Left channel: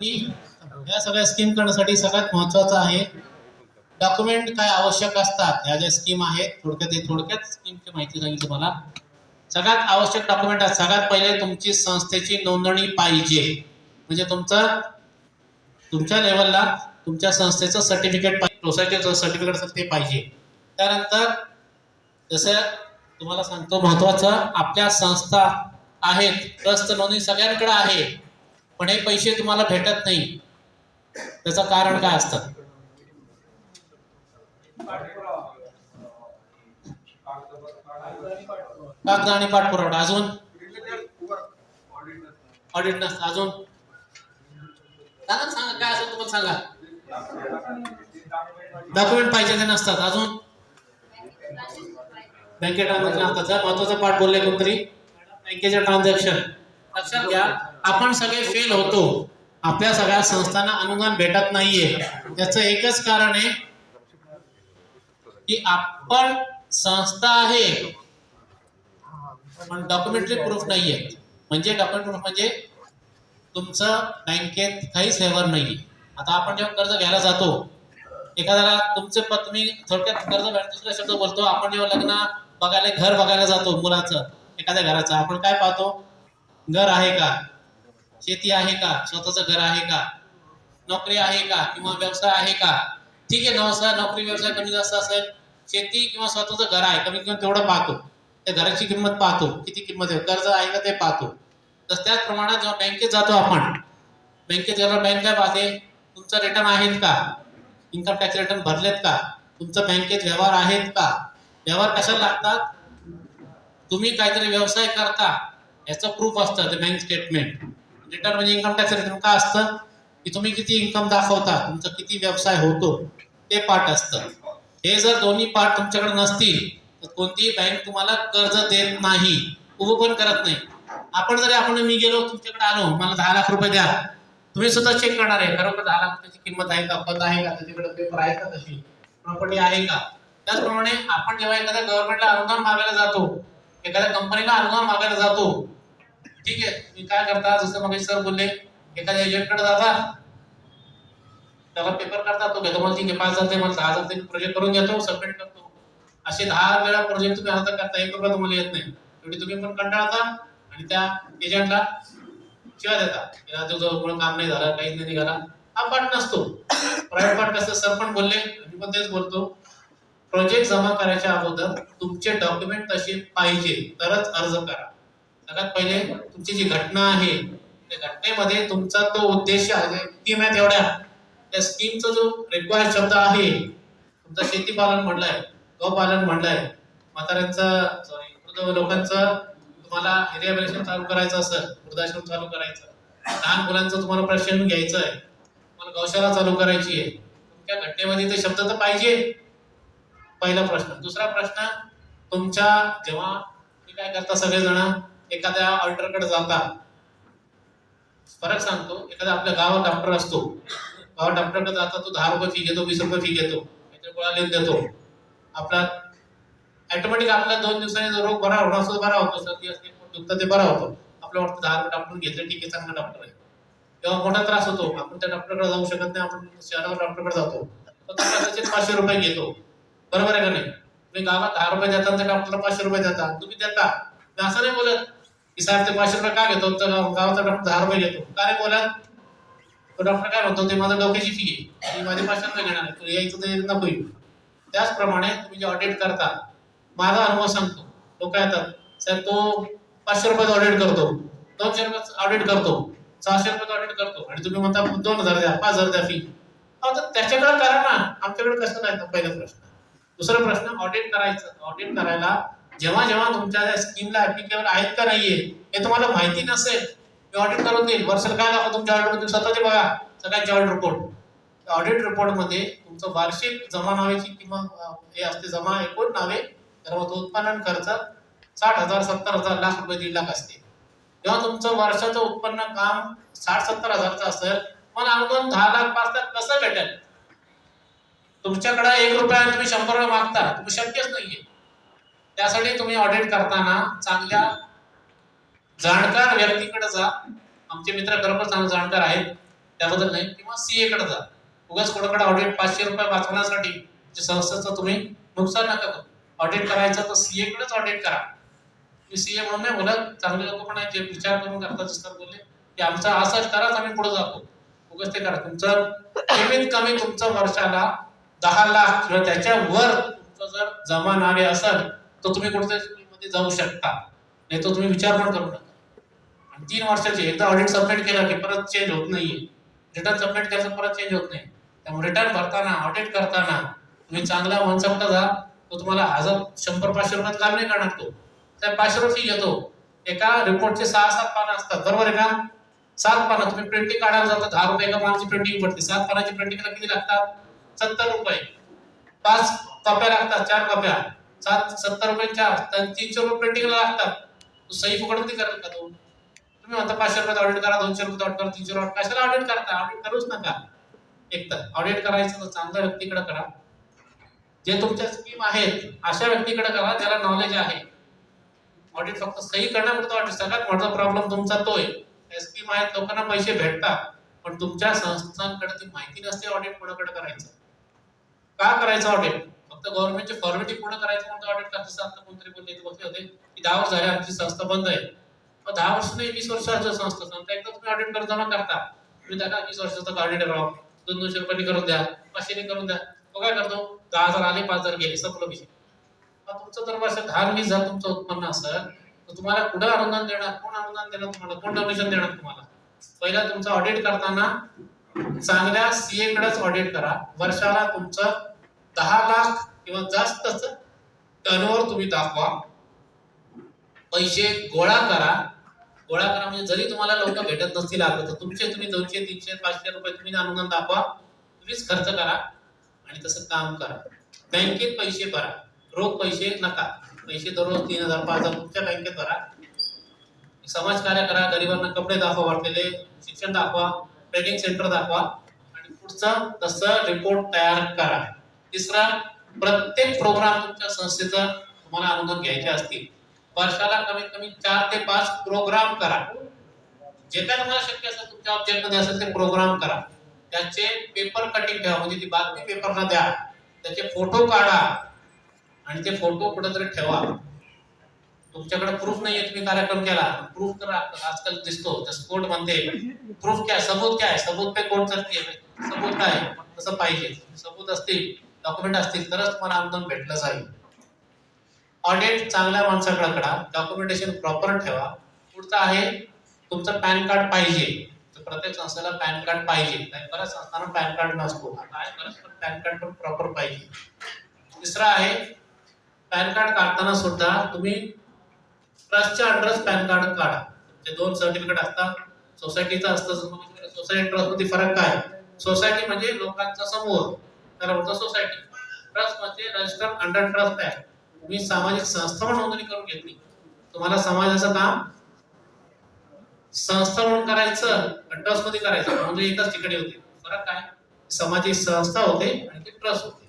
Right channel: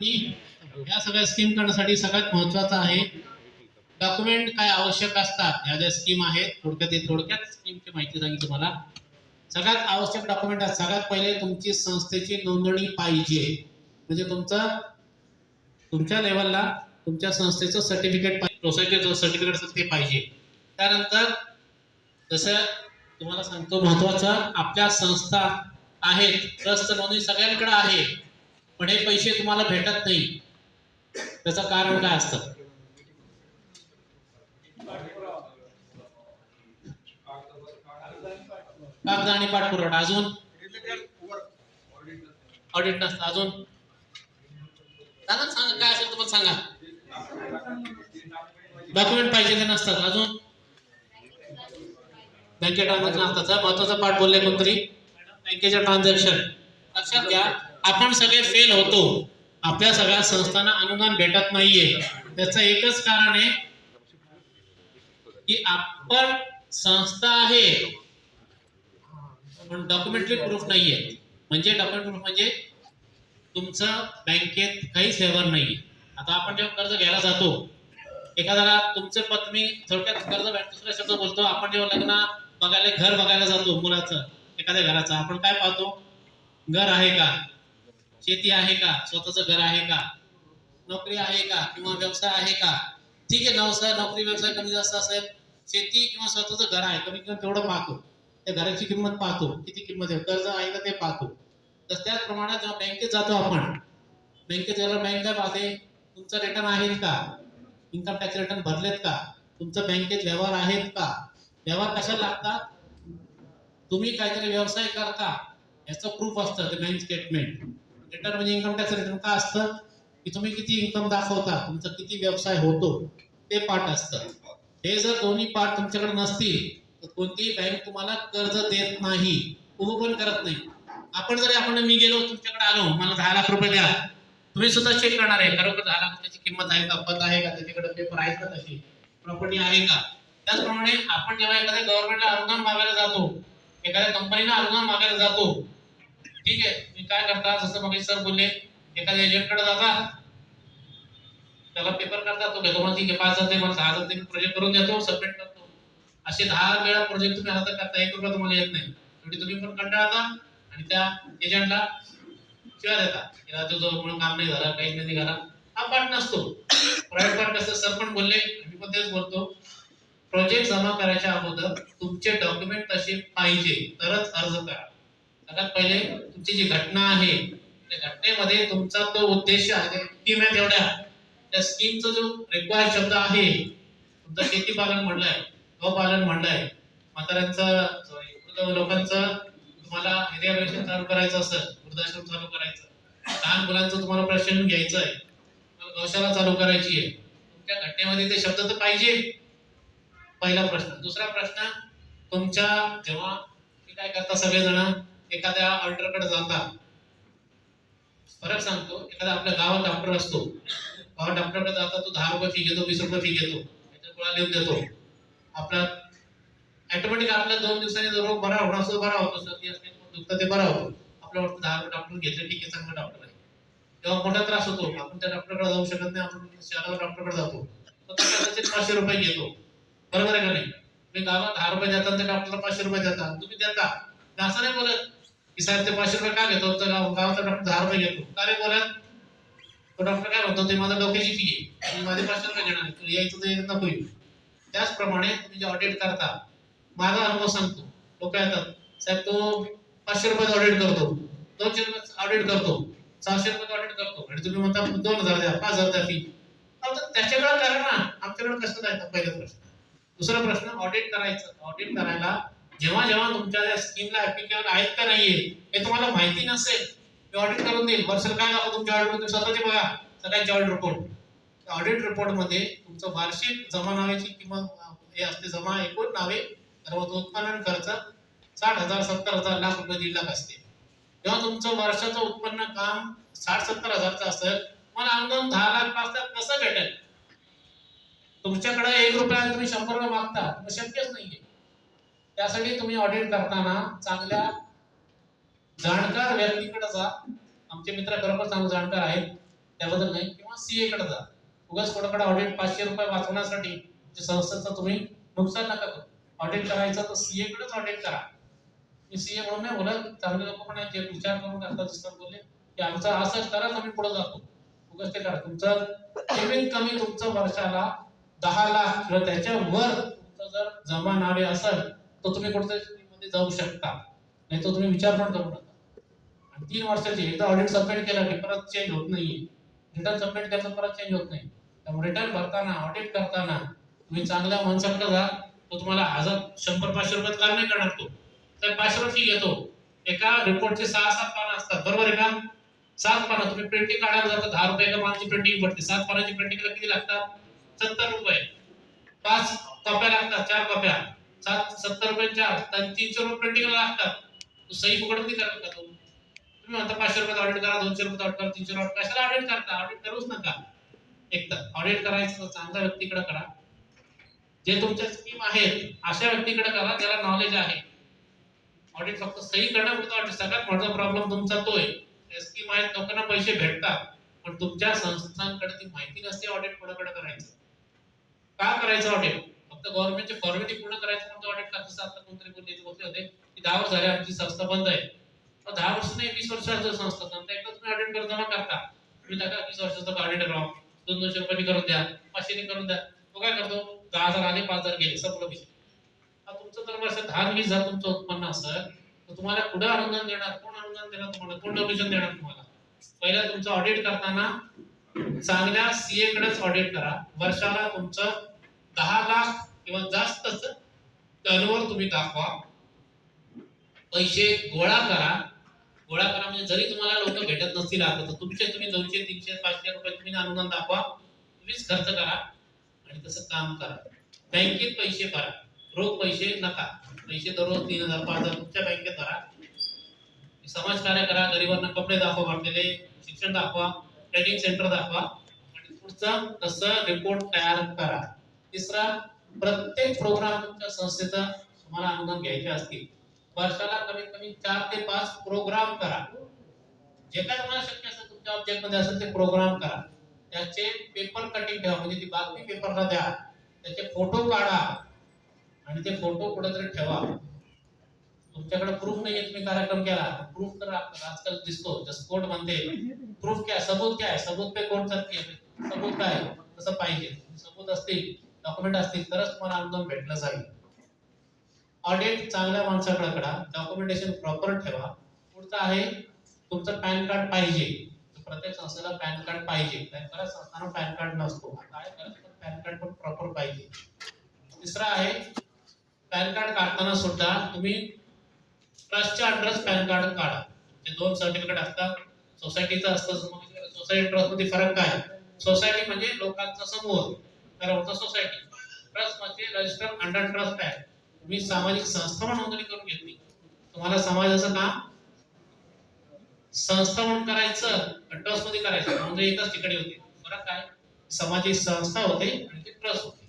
या सगळ्या स्कीम करण्यासाठी सगळ्यात महत्त्वाचं आहे डॉक्युमेंट काय आवश्यक असतात. ह्या ज्या स्कीम आहेत थोडक्यात स्कीमची माहिती सांगितली मला. सगळ्यात आवश्यक डॉक्युमेंट आहेत. सगळ्यात पहिले तुमची संस्थेची नोंदणी पाहिजे, म्हणजे तुमच्या लेवलला तुमच्या संस्थेचं सर्टिफिकेट पाहिजे, सोसायटीचं सर्टिफिकेट ते पाहिजे. त्यानंतर जसं तुम्हाला सांगतो महत्त्वाचं, आपल्या संस्था आहेत, ट्रस्ट नोंदणी सगळ्यांकडे आहे, पण हे पैसे तुम्हाला भेटत नाही. त्याचं कारण काय असतं? कागद आणि पाठपुरावा. अजून ऑडिट नसतं. अजून सांगा काय असेल तुम्हाला सांगा. डॉक्युमेंट पाहिजे ते नसतात. अजून बँकेत ट्रान्झॅक्शन असतात. महत्वाचा पाठ बोलले कोणतरी, बँकेच्या ट्रान्झॅक्शन. लक्षात घ्या, आपण सगळे फेल होतो, आपल्या सगळ्या संस्थांना अनुदान भेटत नाहीये. त्याचं एकच कारण आहे की आपण संस्था आहे पण डॉक्युमेंटरी प्रूफ नाहीये. म्हणजे डॉक्युमेंट प्रूफ म्हणजे तुमचं बँकेत काहीच व्यवहार नाहीये. आता आपण जेव्हा कर्ज घ्यायला जातो, एखाद्याला तुमचे पत्नी थोडक्यात कर्ज दुसरा शब्द बोलतो. आपण जेव्हा लग्न बघायला, घर बघायला जातो मुलाचं, एखाद्या घराचं, आपण काय पाहतो? घर आहे का, शेती आहे का, स्वतःचं घर आहे का, नोकरी आहे का, किंवा व्यवसाय आहे का. ठीक आहे, नोकरी व्यवसाय कमी जास्त असेल, शेती किंवा स्वतःचं घर आहे, कमीत कमी तेवढं पाहतो. त्या घराची किंमत पाहतो, किती किंमत आहे, कर्ज आहे का ते पाहतो. तर त्याच प्रमाणात जेव्हा बँकेत जातो आपण, बँकेत गेल्यावर बँक काय पाहते? तुमचं रिटर्न आहेत का, इन्कम टॅक्स रिटर्न भरलेत का, तुमचं बँकेत व्यवहार आहेत का. व्यवहार कशाला लागतात? तुम्ही काहीतरी व्यवसाय करता याचं प्रूफ असतं, ते बँक स्टेटमेंट. रिटर्न म्हणजे इन्कम टॅक्स रिटर्न का असतं? की तुम्ही किती इन्कम दाखवता, तुमचा किती व्यवसाय होतो, ते पाठ असतं. हे जर दोन्ही पाठ तुमच्याकडे नसतील तर कोणतीही बँक तुम्हाला कर्ज देत नाही, उभं पण करत नाही. आपण मी गेलो तुमच्याकडे आलो, मला 10 लाख रुपये द्या, तुम्ही सुद्धा चेक करणार आहे खरोखर 10 लाख त्याची किंमत आहे का, पद आहे का, त्याच्याकडे पेपर आहे का, तशी प्रॉपर्टी आहे का. त्याचप्रमाणे आपण जेव्हा एखाद्या गव्हर्नमेंटला अनुदान मागायला जातो, एखाद्या कंपनीला अनुदान मागायला जातो, ठीक आहे, तुम्ही काय करता? जसं मग सर बोलले, एखाद्या एजंटकडे जाता, त्याला पेपर करता, तो घेतो, मला ठीक आहे 5,000 ते, मला 10,000 ते, प्रोजेक्ट करून देतो, सबमिट करतो. असे 10 वेळा प्रोजेक्ट तुम्ही आता करता, 1 रुपया तुम्हाला येत नाही. शेवटी तुम्ही पण कंटाळता आणि त्या एजंटला शिवाय देता, तुझं काम नाही झालं, काहीच नाही निघाला. हा पाठ नसतो, प्रायव्हेट पाठ नसतं. सर पण बोलले, मी पण तेच बोलतो, प्रोजेक्ट जमा करायच्या अगोदर तुमचे डॉक्युमेंट तसे पाहिजे तरच अर्ज करा. सगळ्यात पहिले तुमची जी घटना आहे, त्या घटनेमध्ये तुमचा तो उद्देश आहे, स्कीम आहे तेवढ्या, त्या स्कीमचा जो रिक्वायर्ड शब्द आहे, तुमचा शेतीपालन म्हणलाय, गौपालन म्हणलाय, म्हाताऱ्यांचं वृद्ध लोकांचं तुम्हाला रिहॅबिलिटेशन चालू करायचं असेल, वृद्धाश्रम चालू करायचं, लहान मुलांचं तुम्हाला प्रशिक्षण घ्यायचं आहे, तुम्हाला गौशाला चालू करायची आहे, तुमच्या घटनेमध्ये ते शब्द तर पाहिजे. पहिला प्रश्न. दुसरा प्रश्न, तुमच्या जेव्हा तुम्ही काय करता, सगळेजण एखाद्या ऑडिटरकडे जाता, फरक सांगतो, एखादा आपल्या गावात डॉक्टर असतो, गावात डॉक्टरकडे जाता, तो 10 रुपये फी घेतो, 20 रुपये फी घेतो, त्याच्या गोळ्या लिहून देतो. आपला ऑटोमॅटिक आपला 2 दिवसांनी रोग बरा होणार असतो, बरा होतो, सर्दी असते, दुखतं, ते बरा होतो. आपलं वाटतं 10 रुपये डॉक्टर घेतले, ठीक आहे, चांगला डॉक्टर आहे. तेव्हा मोठा त्रास होतो, आपण त्या डॉक्टरकडे जाऊ शकत नाही, आपण शहरात डॉक्टरकडे जातो, तर त्याचे 500 रुपये घेतो. बरोबर आहे का नाही? तुम्ही गावात 10 रुपये देता, त्या डॉक्टरला 500 रुपये देता, तुम्ही देता. मी असं नाही बोलत की साहेब ते 500 रुपये का घेतो, तर गावाचा डॉक्टर 10 रुपये घेतो, का रे बोलत? तो डॉक्टर काय म्हणतो, ते माझ्या डोक्याची फी आहे, मी माझे 500 रुपये घेणार आहे, तू यायचं ते नको येऊ. त्याचप्रमाणे तुम्ही जे ऑडिट करता, माझा अनुभव सांगतो, लोक येतात, साहेब तो 500 रुपयात ऑडिट करतो, 200 रुपयात ऑडिट करतो, 600 रुपयात ऑडिट करतो, आणि तुम्ही म्हणता 2,000 द्या, 5,000 द्या फी. त्याच्याकडे करा ना, आमच्याकडे कसं नाही. पहिला प्रश्न. दुसरा प्रश्न, ऑडिट करायचं. ऑडिट करायला जेव्हा जेव्हा तुमच्या स्कीमला ऍप्लिकेबल आहेत का नाहीये हे तुम्हाला माहिती नसेल, मी ऑडिट करून देईल, वर्षाला काय दाखवा तुमच्या ऑडिट मध्ये, स्वतःचे बघा सगळ्यांचे ऑडिट रिपोर्ट. ऑडिट रिपोर्ट मध्ये तुमचं वार्षिक जमा नावेची किंवा हे असते, जमा एकूण नावे, तर मग उत्पन्न खर्च 60,000, 70,000, लाख रुपये, 1.5 लाख असते. जेव्हा तुमचं वर्षाचं उत्पन्न काम 60-70,000चं असेल, मला अनुदान 10 लाख 5 लाख कसं भेटेल? तुमच्याकडे 1 रुपया आणि तुम्ही 100 रुपये मागता, तुम्ही शक्यच नाहीये. त्यासाठी तुम्ही ऑडिट करताना चांगल्या जाणकार व्यक्तीकडे जा. आमचे मित्र खरोखर चांगले जाणकार आहेत, त्याबद्दल नाही, किंवा सीए कडे जा. उगाच कोणाकडे ऑडिट 500 रुपये वाचवण्यासाठी संस्थेचं तुम्ही नुकसान नका करू. ऑडिट करायचं तर सीए कडेच ऑडिट करा. मी सीए म्हणून नाही बोलत, चांगले लोक पण आहेत जे विचार करून करतात. सर बोलले की आमचा असाच कराच, आम्ही पुढे जातो. उगाच ते करा. तुमचं कमीत कमी तुमचं वर्षाला 10 लाख किंवा त्याच्यावर तुमचं जर जमा नावे असेल तर तुम्ही कुठेतरी स्कूलमध्ये जाऊ शकता. नाही तर तुम्ही विचार पण करू नका. आणि 3 वर्षाचे एकदा ऑडिट सबमिट केलं की परत चेंज होत नाहीये. रिटर्न सबमिट केलं परत चेंज होत नाही. त्यामुळे रिटर्न भरताना, ऑडिट करताना तुम्ही चांगल्या माणसाकडे जा. तो तुम्हाला 100-500 रुपयात काम नाही करणार. तो त्या 500 रुपये फी घेतो. एका रिपोर्टचे 6-7 पानं असतात, बरोबर आहे का? 7 पानं तुम्ही प्रिंटिंग काढायला जाता, 10 रुपये एका पानाची प्रिंटिंग पडते. 7 पानाची प्रिंटिंगला किती लागतात? 70 रुपये. 5 कॉप्या लागतात, 4 कॉप्या 70 रुपये 4, 300 रुपये प्रिंटिंगला लागतात. तो सही फुकट नाही करत का तो? तुम्ही म्हणता 500 रुपयात ऑडिट करा, 200 रुपयात ऑडिट करा, 300 रुपयात कशाला ऑडिट करता? ऑडिट करूच नका. एकतर ऑडिट करायचं तर चांगल्या व्यक्तीकडे करा, जे तुमच्या स्कीम आहेत अशा व्यक्तीकडे करा ज्याला नॉलेज आहे. ऑडिट फक्त सही करण्यापुरतं ऑडिट, सगळ्यात मोठा प्रॉब्लेम तुमचा तोय. स्कीम आहेत, लोकांना पैसे भेटतात, पण तुमच्या संस्थांकडे ती माहिती नसते ऑडिट कोणाकडे करायचं, का करायचं ऑडिट. फक्त गव्हर्नमेंटची फॉर्मॅलिटी पूर्ण करायचं म्हणून ऑडिट करतात. आता कोणतरी बोलले बसले होते की 10 वर्ष झाले आमची संस्था बंद आहे. 10 वर्ष नाही, 20 वर्षाचं संस्था एकदा तुम्ही ऑडिट करून जमा करता. तुम्ही त्या 20 वर्षाचं ऑडिट राव 200 रुपयांनी करून द्या, 500 करून द्या. तो काय करतो? 10,000 आले, 5,000 गेले, संपलं विषय. तुमचं जर वर्ष 10-20 हजार तुमचं उत्पन्न असेल तर तुम्हाला कुठं अनुदान देणार? कोण अनुदान देणार तुम्हाला? कोण डोनेशन देणार तुम्हाला? पहिला तुमचं ऑडिट करताना चांगल्या सीए कडेच ऑडिट करा. वर्षाला तुमचं 10 लाख किंवा जास्तच टर्नओव्हर तुम्ही दाखवा. पैसे गोळा करा. गोळा करा म्हणजे जरी तुम्हाला लोक भेटत नसतील आता तर तुमचे तुम्ही 200, 300, 500 रुपये तुम्ही अनुदान दाखवा. तुम्हीच खर्च करा आणि तसं काम करा. बँकेत पैसे भरा, रोख पैसे नका. पैसे दररोज 3,000, 5,000 तुमच्या बँकेत भरा. समाजकार्य करा, गरिबांना कपडे दाखवा, वाटलेले शिक्षण दाखवा, ट्रेनिंग सेंटर दाखवा आणि पुढचा तसं रिपोर्ट तयार करा. तिसरा, प्रत्येक प्रोग्राम तुमच्या संस्थेचा तुम्हाला अनुदान घ्यायचे असतील वर्षाला कमीत कमी 4 ते 5 प्रोग्राम करा. जे काय तुम्हाला शक्य असेल तुमच्या ऑब्जेक्ट मध्ये असेल ते प्रोग्राम करा. त्याचे पेपर कटिंग ठेवा, म्हणजे ती बातमी पेपरला द्या. त्याचे फोटो काढा आणि ते फोटो कुठेतरी ठेवा. तुमच्याकडे प्रूफ नाहीये तुम्ही कार्यक्रम केला, प्रूफ तर आजकाल दिसतो त्या स्पोर्ट मध्ये. प्रूफ काय? सबूत काय? सबूत पे कोर्ट चलती है. सबूत काय? तसं पाहिजे. सबूत असतील, डॉक्युमेंट असतील तरच तुम्हाला अनुदान भेटलं जाईल. ऑडिट चांगल्या माणसाकडे करा, डॉक्युमेंटेशन प्रॉपर ठेवा. पुढचा आहे तुमचं पॅन कार्ड पाहिजे. प्रत्येक संस्थेला पॅन कार्ड पाहिजे. बऱ्याच संस्थांना पॅन कार्ड नसतो, आता आहे बरंच, पण पॅन कार्ड पण प्रॉपर पाहिजे. तिसरा आहे पॅन कार्ड काढताना सुद्धा तुम्ही ट्रस्टच्या अंडरच पॅन कार्ड काढा. जे 2 सर्टिफिकेट असतात, सोसायटीचं असतं. सोसायटी ट्रस्ट मध्ये फरक काय? सोसायटी म्हणजे लोकांचा समूह, त्याला म्हणतात सोसायटी. ट्रस्ट म्हणजे रजिस्टर्ड अंडर ट्रस्ट ऍक्ट. तुम्ही सामाजिक संस्था म्हणून नोंदणी करून घेतली, तुम्हाला समाजाचं काम संस्था म्हणून करायचं, ट्रस्ट मध्ये करायचं, म्हणजे एकच ठिकाणी होते. फरक काय? सामाजिक संस्था होते आणि ते ट्रस्ट होते,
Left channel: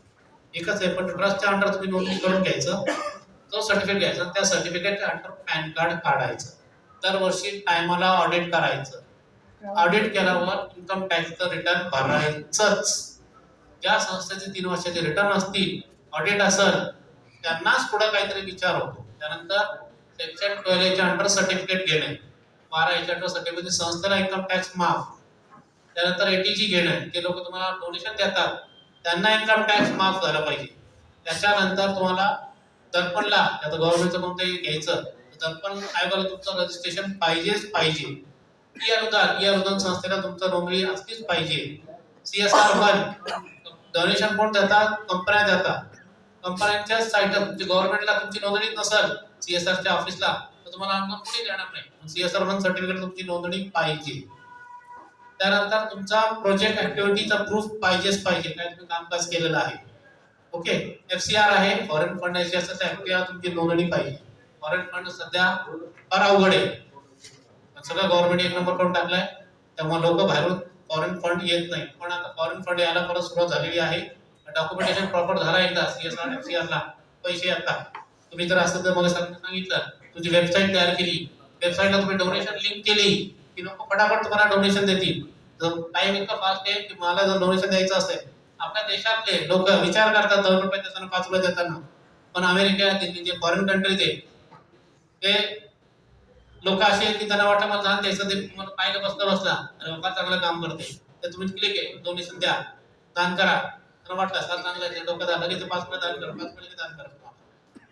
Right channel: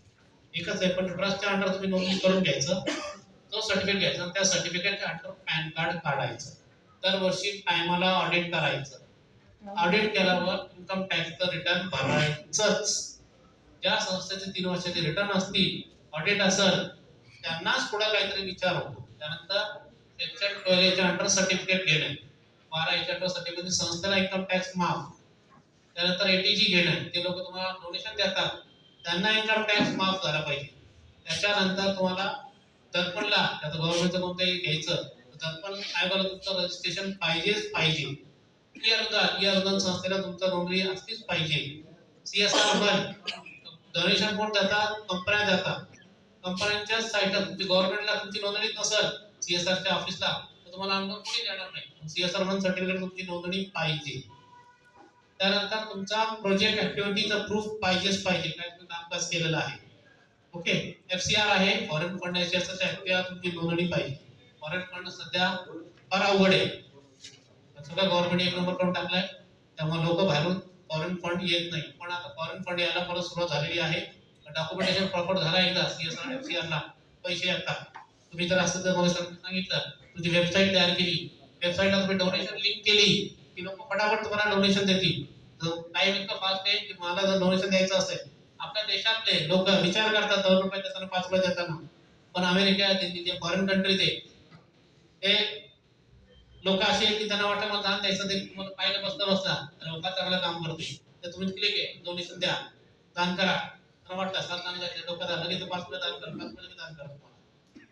एकच आहे. पण ट्रस्टच्या अंडर तुम्ही नोंदणी करून घ्यायचं, तो सर्टिफिकेट घ्यायचा, त्या सर्टिफिकेटच्या अंडर पॅन कार्ड काढायचं. दरवर्षी टायमाला ऑडिट करायचं. ऑडिट केल्यावर इन्कम टॅक्सचं रिटर्न भरायचंच. ज्या संस्थेचे 3 वर्षाचे रिटर्न असतील, ऑडिट असेल, त्यांनाच पुढे काहीतरी विचार होतो. त्यानंतर सेक्शन 12 च्या अंडर सर्टिफिकेट घेणे, 12 च्या अंडर सर्टिफिकेट संस्थेला इन्कम टॅक्स माफ. त्यानंतर एटीजी घेणे, ते लोक तुम्हाला डोनेशन देतात त्यांना इन्कम टॅक्स माफ झाला पाहिजे. त्याच्यानंतर तुम्हाला दर्पणला, आता गव्हर्नमेंटचं कोणतंही घ्यायचं, दर्पण आयोगाला तुमचं रजिस्ट्रेशन पाहिजेच पाहिजे. ई अनुदान संस्थेला तुमचं नोंदणी असलीच पाहिजे. CSR 1 डोनेशन कोण देतात? कंपन्या देतात. कंपन्यांच्या साईटला तुमची गव्हर्नमेंटला तुमची नोंदणी नसेल CSRच्या ऑफिसला तर तुम्हाला अनुदान कुठे देणार नाही. CSR 1 सर्टिफिकेट तुमची नोंदणी पाहिजे. त्यानंतर तुमचा प्रोजेक्ट ऍक्टिव्हिटीचा प्रूफ पाहिजेच पाहिजे, काय तुम्ही कामकाज केलेलं आहे. ओके. FCR आहे, फॉरेन फंड असेल तर FCR तुमची नोंदणी पाहिजे. फॉरेन फंड सध्या फार अवघड आहे, सगळं गव्हर्नमेंट 1 नंबर करून टाकलाय, त्यामुळे लोक बाहेरून फॉरेन फंड येत नाही. पण आता फॉरेन फंड यायला परत सुरुवात झालेली आहे. डॉक्युमेंटेशन प्रॉपर झाला एकदा CSR FCR ला पैसे येतात. तुम्ही जर असं मग सांगितलं, तुझी वेबसाईट तयार केली, वेबसाईटला तुम्ही डोनेशन लिंक केली की लोक फटाफट तुम्हाला डोनेशन देतील. टाइम इतका फास्ट आहे की मला जर डोनेशन द्यायचं असेल, आपल्या देशातले लोक विचार करतात 2 रुपये देताना 5 रुपये देताना, पण अमेरिका दिल्ली जे फॉरेन कंट्रीज आहे ते लोक असे आहेत की त्यांना वाटतं मला दान द्यायचं, ते तुम्हाला पाहिलं बसला अरे बाबा चांगलं काम करते, तर तुम्ही क्लिक आहे डोनेशन द्या, दान करा. त्यांना वाटतं सर चांगलं आहे, लोक द्या लगेच 5 रुपये दान करा, 5 रुपये दान करा तुम्हाला.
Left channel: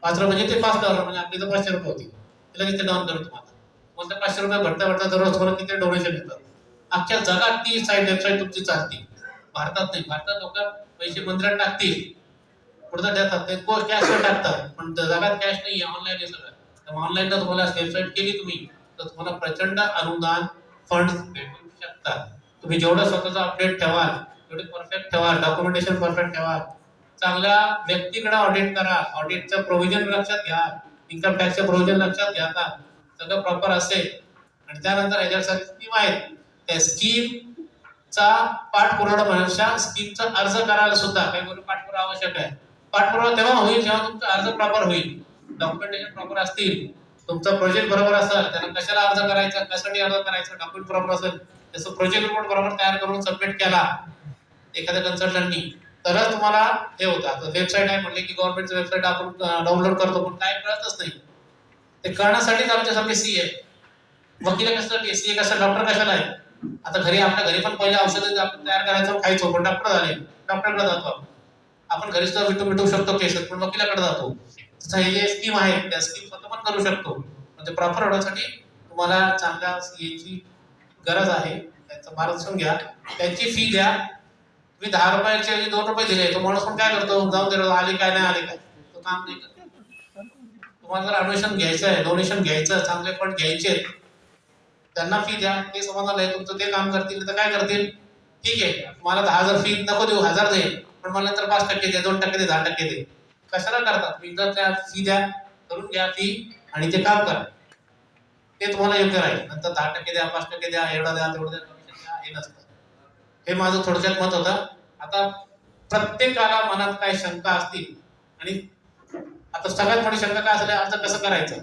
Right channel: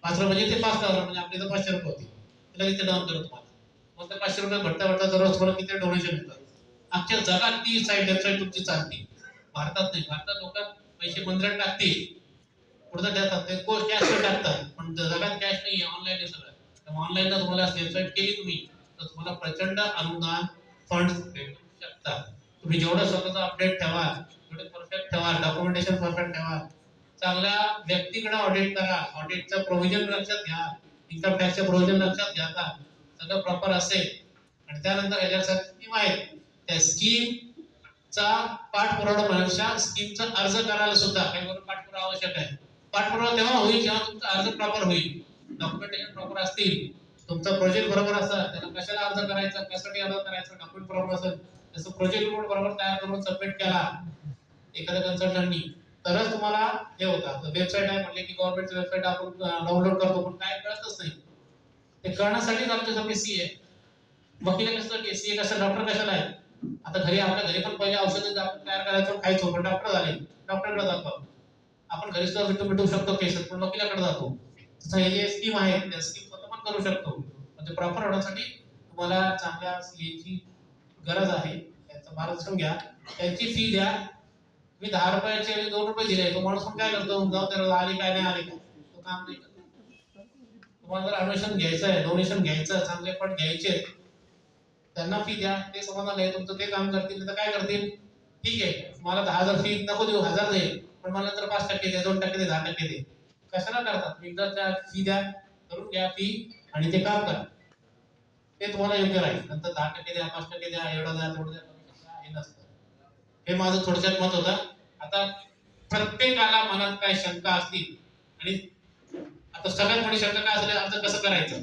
5 रुपये म्हणजे ते 5 डॉलर, म्हणजे आपली तर 500 रुपये होती, ते लगेच ते डाऊन करू तुम्हाला. मग ते 500 रुपये भरता भरता दररोज परत किती डोनेशन येतात. अख्ख्या जगात ती साईट वेबसाईट तुमची चालते, भारतात नाही. भारतात लोक पैसे मंदिरात टाकतील, पुढचा देतात, ते कॅशवर टाकतात, पण जगात कॅश नाही, ऑनलाईन आहे सगळं. ऑनलाईन जर तुम्हाला वेबसाईट केली तुम्ही, तर तुम्हाला प्रचंड अनुदान फंड भेटू शकतात. तुम्ही जेवढं स्वतःचं अपडेट ठेवाल, जेवढे परफेक्ट ठेवाल, डॉक्युमेंटेशन परफेक्ट ठेवाल, चांगल्या व्यक्तीकडे ऑडिट करा, ऑडिटचं प्रोव्हिजन लक्षात घ्या, इन्कम टॅक्सचं प्रोव्हिजन लक्षात घ्या, सगळं प्रॉपर असेल, आणि त्यानंतर याच्यासाठी स्कीम आहेत, त्या स्कीमचा पाठपुरावा होण्यापेक्षा स्कीमचा अर्ज करायला सुद्धा काही करून पाठपुरावा आवश्यक आहे. पाठपुरावा तेव्हा होईल जेव्हा तुमचा अर्ज प्रॉपर होईल, डॉक्युमेंटेशन प्रॉपर असतील, तुमचा प्रोजेक्ट बरोबर असेल, त्याला कशाला अर्ज करायचा, कशासाठी अर्ज करायचा, डॉक्युमेंट प्रॉपर असेल, त्याचं प्रोजेक्ट रिपोर्ट बरोबर तयार करून सबमिट केला एखाद्या कन्सल्टंटनी, तरच तुम्हाला हे होतं. आता वेबसाईट आहे म्हटले की गव्हर्नमेंटचं वेबसाईट आपण डाउनलोड करतो, पण काय कळतच नाही. ते कळण्यासाठीच आमच्यासारखे सी आहे, वकील कशासाठी, सी कशा, डॉक्टर कशाला आहे. आता घरी आपल्या घरी पण पहिले औषधं आपण तयार करायचो, खायचो, पण डॉक्टर झाले, डॉक्टरकडे जातो आपण घरी सुद्धा मिटवू शकतो केसेस, पण वकिलाकडे जातो. तसं हे जे स्कीम आहे त्या स्कीम स्वतः पण करू शकतो. म्हणजे प्रॉपर होण्यासाठी तुम्हाला चांगल्या सीएची गरज आहे, त्यांचं मार्गदर्शन घ्या, त्यांची फी द्या. तुम्ही 10 रुपयाचे 2 रुपये दिले, तो माणूस पण काय करतो, जाऊन दे आले काय नाही आले काय, तो काम नाही करत. तुम्हाला जर ॲडमिशन घ्यायचं आहे, डोनेशन घ्यायचं, चांगले फंड घ्यायचे, त्यांना फी द्या, ते समाधान आहे तुमचं, ते काम करतील. तर काय करतील, ठीक आहे मला 10,000 फी नको देऊ, 1000 दे, पण मला नंतर 5% दे, 2% दे, 10% दे. कशाला करतात, एकदा त्या फी द्या, करून घ्या फी, आणि ते काम करा, ते तुम्हाला योग्य राहील. नंतर 10% द्या, 5% द्या, एवढा द्या, तेवढं द्या, कमिशन द्या, हे नसतं. हे माझं थोडक्यात मत होतं. आता प्रत्येकाला मनात काय शंका असतील, आणि आता सगळ्यात मोठी शंका काय असेल, अर्ज कसं करायचं.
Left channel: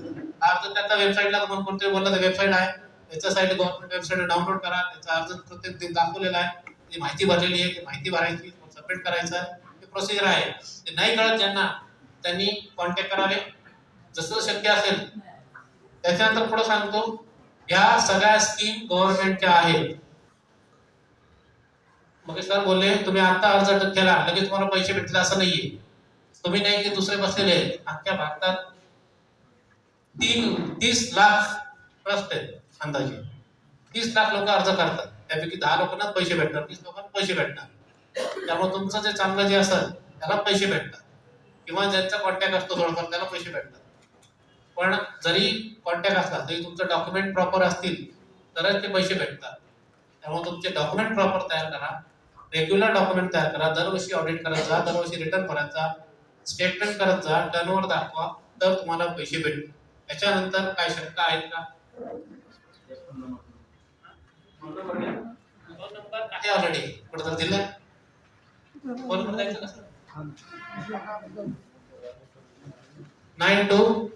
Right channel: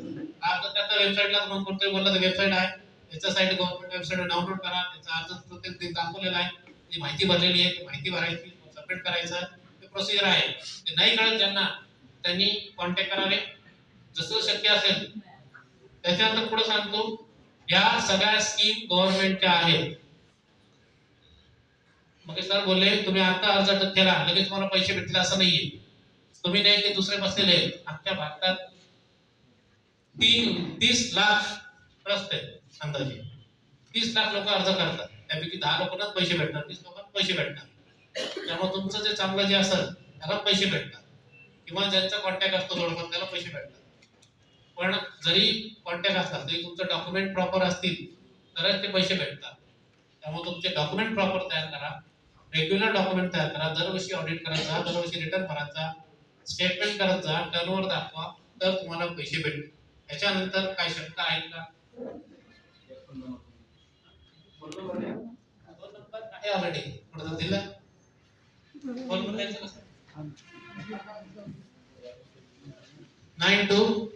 अर्ज त्याच्या वेबसाईटला मग कोणतरी बोललं वेबसाईट आहे, त्याच्या साईट गव्हर्नमेंट वेबसाईट डाउनलोड करा, त्याचा अर्ज प्रत्येक दाखवलेला आहे, ती माहिती भरलेली आहे, ती माहिती भरायची, सबमिट करायचं, ते प्रोसिजर आहे. ते नाही कळत ज्यांना, त्यांनी कॉन्टॅक्ट करावे जसं शक्य असेल. त्याच्यानंतर पुढे सांगतो, या सगळ्या स्कीम गव्हर्नमेंटच्या आहेत. मग सर बोलले तुम्ही आता अर्ज केला लगेच तुम्हाला पैसे भेटले असं नाहीये. तुम्ही नाही की दुसरे बसलेले आहेत. अख्ख्या भारतात 30 लाख ट्रस्ट आहेत अंदाजे. 30 लाख लोक अर्ज करतात, त्यापैकी 10 लोकांनाच पैसे भेटणार, 30 लोकांना पैसे भेटणार. त्यामुळे तुमचं जे चांगलं जे असेल त्याला पैसे भेटतात, किंवा ज्यांचा कॉन्टॅक्ट असतो थोडंफार त्याला पैसे भेटतात. पण जरी कॉन्टॅक्ट असला तरी तुमचं डॉक्युमेंट प्रॉपर असतील तरच ते पैसे भेटतात. त्यामुळे तुमचे डॉक्युमेंट प्रॉपर तयार करा, रेग्युलर डॉक्युमेंट तयार करा, दरवर्षी ऑडिट करत जा, दरवर्षी रिटर्न भरत जा, स्टेटमेंट करत जा, टर्नओव्हर दाखवा, तर तुम्हाला पैसे भेटतील. त्याच्यानंतर काय शंका आहेत का? फोन नंबर आहे ऑलरेडी, कुठं दिला फोन नंबर द्यायचा कसं? 92